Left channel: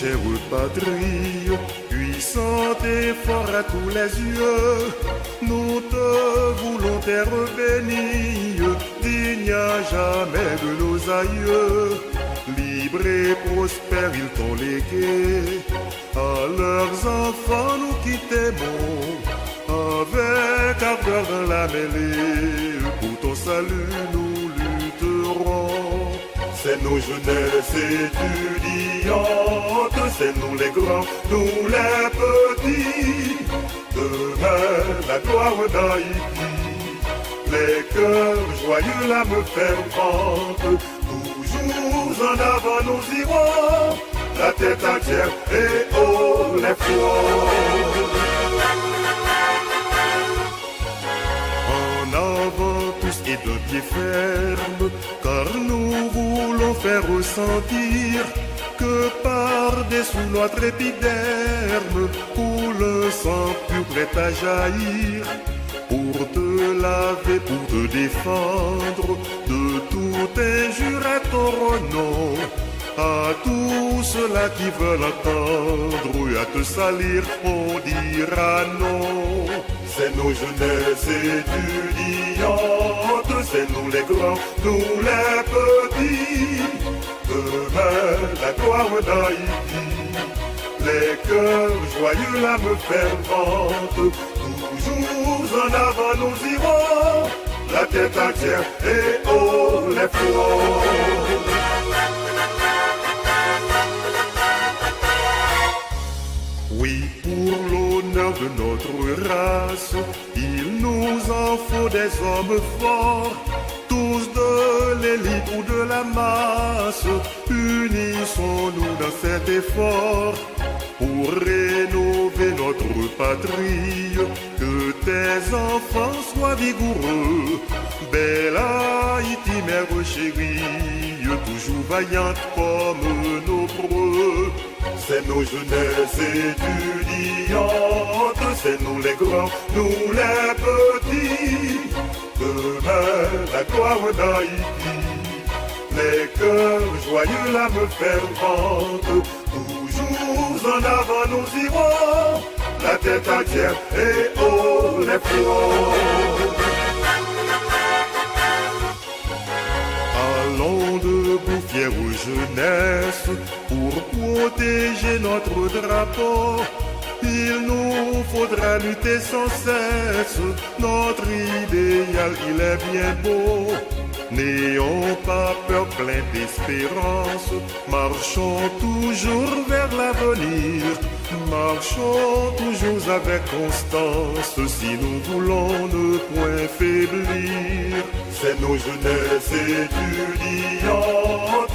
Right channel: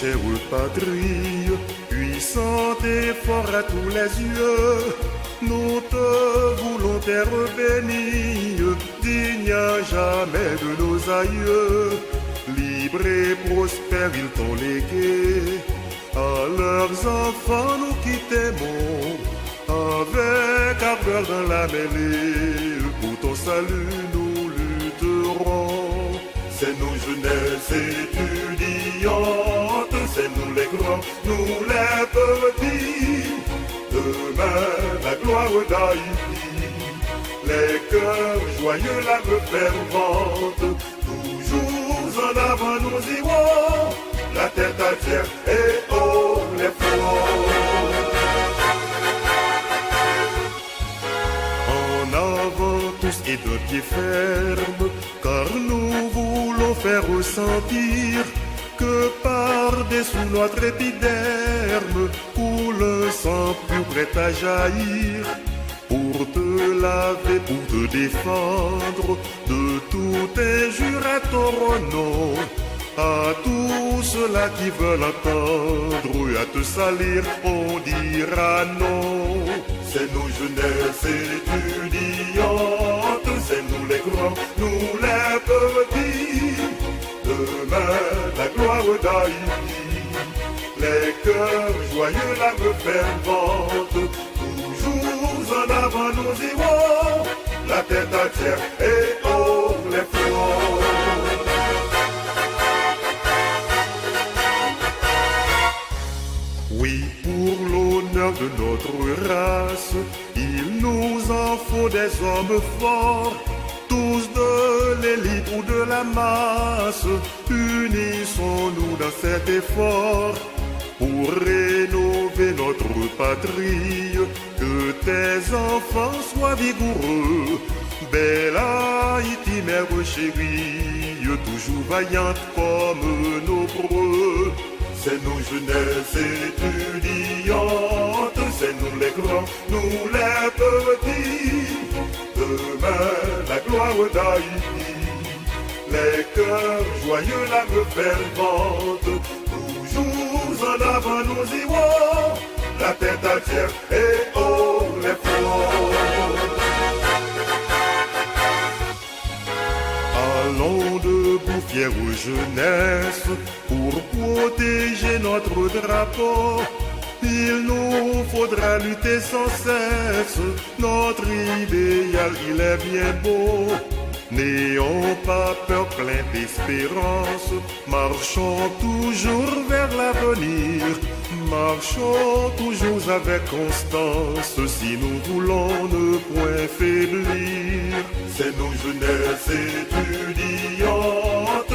chère patrie, puissante et fort à tous les yeux, nous te voulons terre bénie, digne à jamais de nos aïeux. Libre et prospère, ils t'ont légué, à leurs enfants nous qui t'aimons, avec ardeur dans la mêlée, pour ton salut nous lutterons. C'est nos jeunesses étudiantes, c'est nous les grands, nous les petits, demain la gloire d'Haïti, les cœurs joyeux, l'âme fervente, toujours en avant nous irons, la tête à terre et haut les fronts. En avant tous et de pied ferme, car nous voulons faire ressentir que par-dessous notre épiderme coule un sang pur prêt à jaillir, pour te laver, pour te défendre de toute injure à ton nom. À tous ceux-là qui veulent entendre et à te salir, on dira non. C'est nos jeunesses étudiantes, c'est nous les grands, nous les petits, demain la gloire d'Haïti, les cœurs joyeux, l'âme fervente, toujours en avant nous irons, la tête à terre et haut les fronts. Oui, pour l'honneur de notre race, il nous en faut des hommes forts, tous de l'élite ou de la masse. Unissons-nous dans cet effort pour rénover notre patrie, que tes enfants soient vigoureux. Belle Haïti, mère chérie, toujours vaillante comme nos preux. C'est nos jeunesses étudiantes, c'est nous les grands, nous les petits, demain la gloire d'Haïti, les cœurs joyeux, l'âme fervente, toujours en avant nous irons, la tête à terre et haut les fronts. Allons debout, fière jeunesse, pour protéger notre drapeau. Il nous faudra lutter sans cesse, notre idéal il est bien beau. N'ayons pas peur, plein d'espérance, marchons toujours vers l'avenir, marchons toujours avec constance, si nous voulons ne point faiblir. C'est nos jeunesses étudiantes,